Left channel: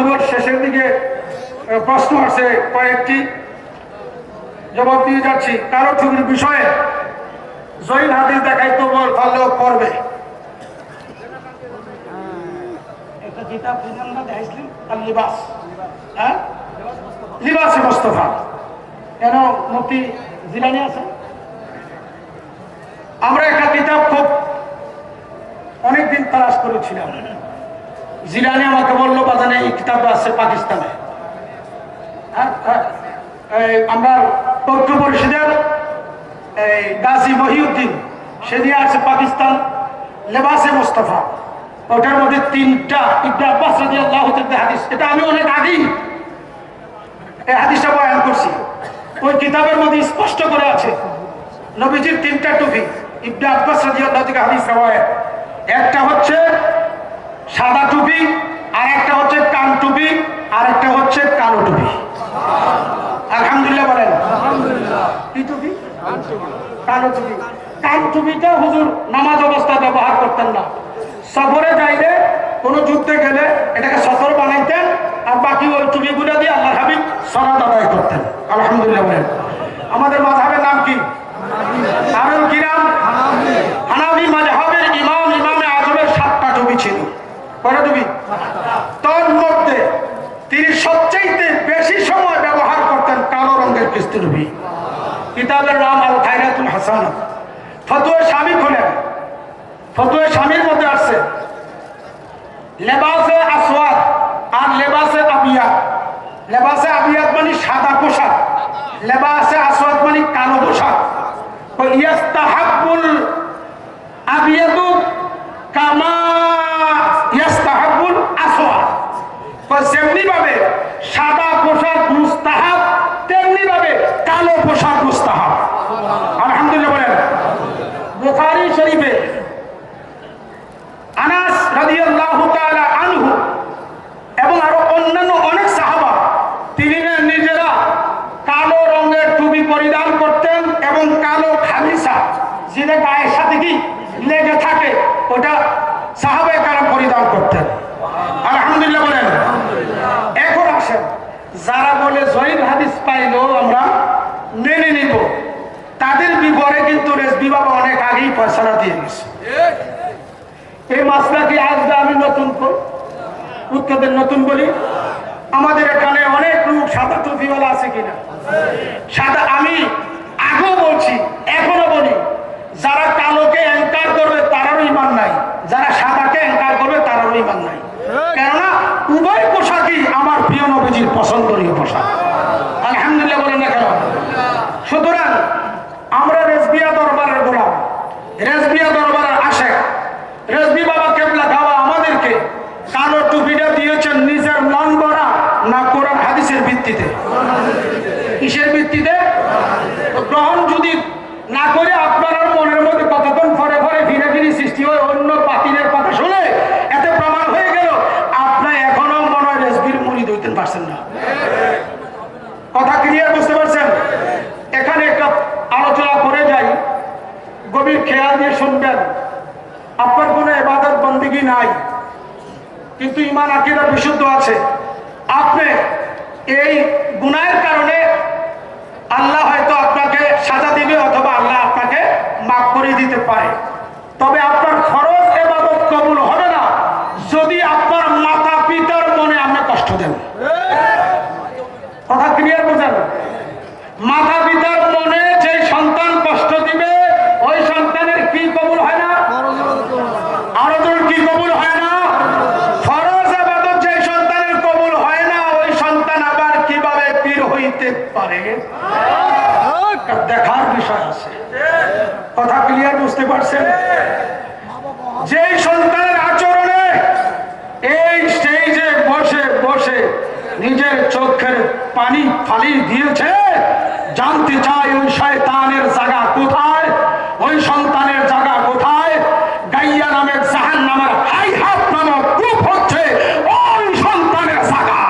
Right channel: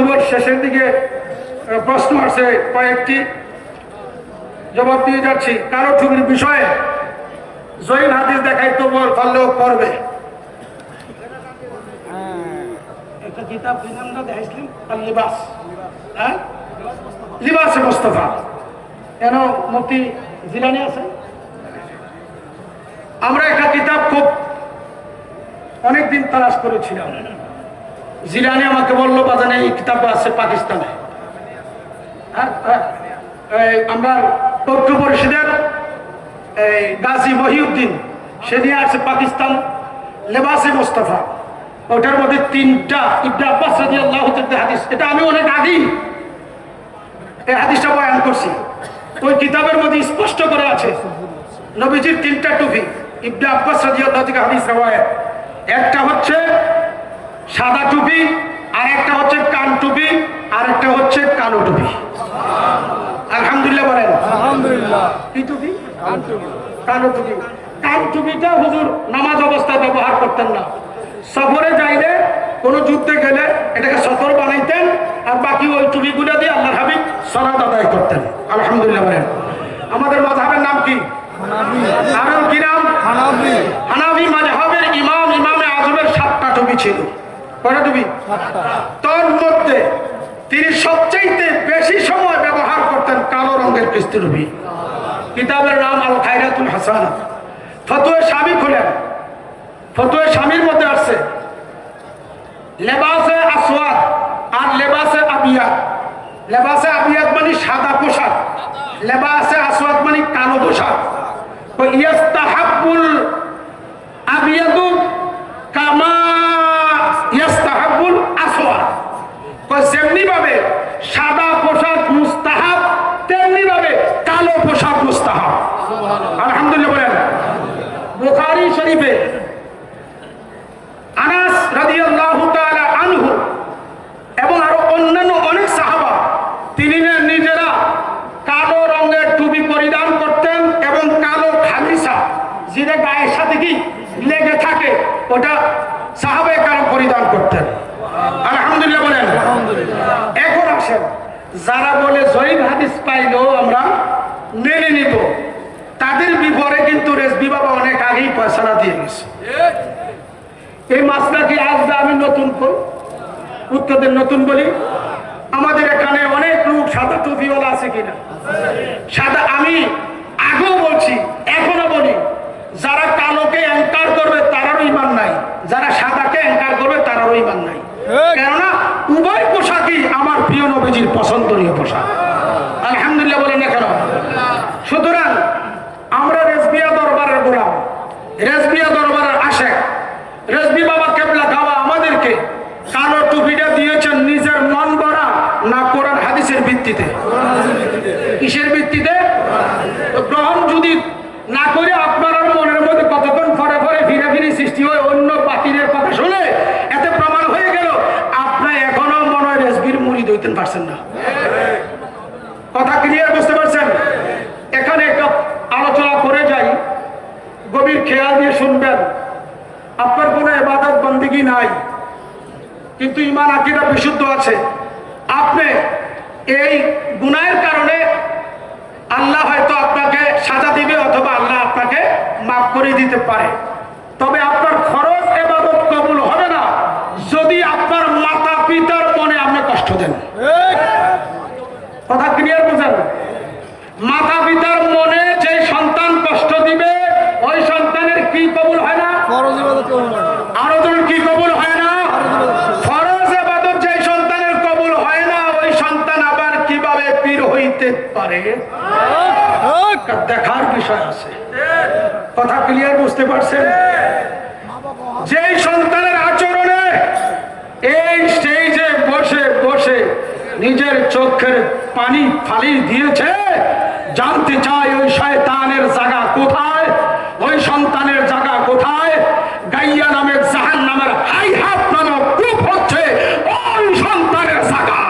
বক্তব্যের শেষের দিকে প্রশ্ন আছে কয়েকটি, জবাব দিয়ে যাচ্ছি। কালো টুপির বিষয়ে জহির হাদিস দেখাই তো পারলেও করবে। একটা কিতাব আমরা দেখাইছিলাম লিবাস, হ্যাঁ লিবাসে মোস্তফা, কেন মুফতি জিলানী আছে। আমরা একটা কিতাব খুব অনেকদিন তালাশ করেছিলাম, জিলানী আমাকে বললো বাজানে এই কিতাবটা আছে পাকিস্তানে। আমরা তথ্য পরিষদের গাজী মহিউদ্দিন সে নিয়ে আছে পাকিস্তান লেবাসে মোস্তফা, ওটার মধ্যে 3টা ইবনে আব্বাস রাদিয়াল্লাহু তাআলা হাদিস, এটা আমি অনেক আগেই এই হাদিসটা বয়ান করছি। ওই কিতাবের মধ্যে স্পষ্ট করে আছে নবীজির 3টা টুপি, ইবনে আব্বাস রাদিয়াল্লাহু তাআলা হাদিস রাওয়ায়াত। একটা হচ্ছে সাদা টুপি, আর একটা হচ্ছে কান টুপি, আর একটা হচ্ছে কালো টুপি। আলহামদুলিল্লাহ বলেন। আলহামদুলিল্লাহ। কি টুপি? কালো টুপি। কান টুপিটা হুজুর নামাজ অবস্থায় ব্যবহার করতেন না, সফরে যাইলে কোন যুদ্ধে গেলে এটাকে সতর বানাইতেন, আর বাকি ওই টুপিগুলো দিয়ে আল্লাহর হাবিব সালাত আদায় করতেন। আলহামদুলিল্লাহ বলেন। আমাদের মাযহাবের নাম কি? আরো কি নাম? হানাফি মাযহাবের ইমামে আযমের 7টা টুপি ছিল। কয়টা টুপি? তার মধ্যে তিনি সবচেয়ে বেশি সময় ব্যবহার করতেন কালো রঙের কিস্তি টুপি। কিতাবের নাম আল খায়রাতুল হাসান। ফতোয়া শামী খোলেন, ফতোয়া শামীর মধ্যে আছে লেবাসে আসওয়াদ আর লেবাসে আবিয়াদ। লেবাসে আবিয়াদ মানে সাদা পোশাক, লেবাসে আসওয়াদ মানে কালো পোশাক। ইয়াস্তাহাব্বুল আবিয়াদু কামা ইয়াস্তাহাব্বুল আসওয়াদ, যেমনি ভাবে সাদা পোশাক মুস্তাহাব তেমনি ভাবে কালো পোশাক মুস্তাহাব। আলহামদুলিল্লাহ বলেন। বুখারী শরীফে আনাস রাদিয়াল্লাহু তাআলা আনহু এবং আরো অন্যান্য অনেক সাহাবা তিনি নিজেরা কালো রঙের টুপি পরিধান করতেন এবং কালো খামিসা যেটা গায়ের সাথে কি লেগে থাকে ওটা সাহাবায়ে কারাম পরিধান করতেন। আলহামদুলিল্লাহ বলেন। এখন আসেন, যারা বলে জয়ীব হাদিস পাইলেও আমরা মেনে নিব, তাদের বিপরে কিন্তু রেজবি বাবা অনেক আগেই ফয়সালা দিয়ে গেছে। এই মাসলা কি আজ আমি নতুন করি, উত্তরদের নতুন বলি? আমাদের এখানে অনেক লোক সাদা টুপিওয়ালা আছে কিনা? সাদা, আমি আগেও বলছি এখনো বলি, যারা কালোকে অ্যাঙ্কার করবে তারারও ইমান নাই, যারা সাদাকে অ্যাঙ্কার করবে তারারও ইমান নাই। কেননা উভয় পোশাকই আমার প্রিয় নবীজির পছন্দনীয় পোশাক। আলহামদুলিল্লাহ বলেন না কেন? সুতরাং আমরা রেজবিয়া দরবারের গোলাম, রেজবিয়া দরবারের আশেক, রেজবি বাবা কেবলা গাওয়া আমাদেরকে কালো টুপিটা দিয়েছেন নিজের মন গড়া না কোরআন হাদিসের ভিত্তিতে? কিসের ভিত্তিতে? গ্রহণ যদি না করে আপনার মনের মধ্যে কতক্ষণ ফরে ফরে ফিরে ফিরে সৃষ্টি হয় অন্য বাতিলের কথা শুনে, এতে প্রমাণ হয়ে গেল আপনি এখনো মনে হয় রেজবির মুরিদ হইতে পারছেন না। কথা ক্লিয়ার বুঝতে পারছেন? এখানে একটা আলোচনা করে যাই, গভীর খেয়াল দিয়ে শুনবেন। আপনার কোনো ইবাদত বন্দেগী নাই, কিন্তু ঈমান আকীদা বিশুদ্ধ আছে। আপনি এই গুনাহের কারণে আল্লাহ হয়তো আপনাকে সাজা দিবে অথবা আল্লাহ আপনাকে মাফ করে দিতে পারে, তবে আপনার ফরজ ইবাদত কবুল হবে না যদি আপনার মাতা পিতার মনে আপনি কষ্ট দেন। কথা ক্লিয়ার বুঝেন? মাতা পিতার মনে যে সন্তান কষ্ট দিবে ওই সন্তানের কি কবুল হয় না? আরো ধরুন কি কবুল হয় না? ফরজ ইবাদত যে সন্তানের কবুল হয় না ওই সন্তান আবার কিভাবে পীর হইতে পারে? দেখার বিষয় আছে। কথা ক্লিয়ার বুঝতে পারছেন? যেই সন্তানের আচরণে এই স্টেজে বসে বসে নিজের চোখের পানি ফালি দিয়েছে, জানতে চাই ওই শয়তানের জায়গা কোথায়, ওই সন্তানের জায়গা কোথায়? গাইয়া নামের জাহান্নামের হাইহাত নামক কূপ হচ্ছে ওই সন্তানের জায়গা।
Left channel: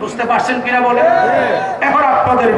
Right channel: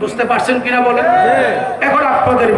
বুঝতে পারছেন কিনা বলে? এখন আপনাদের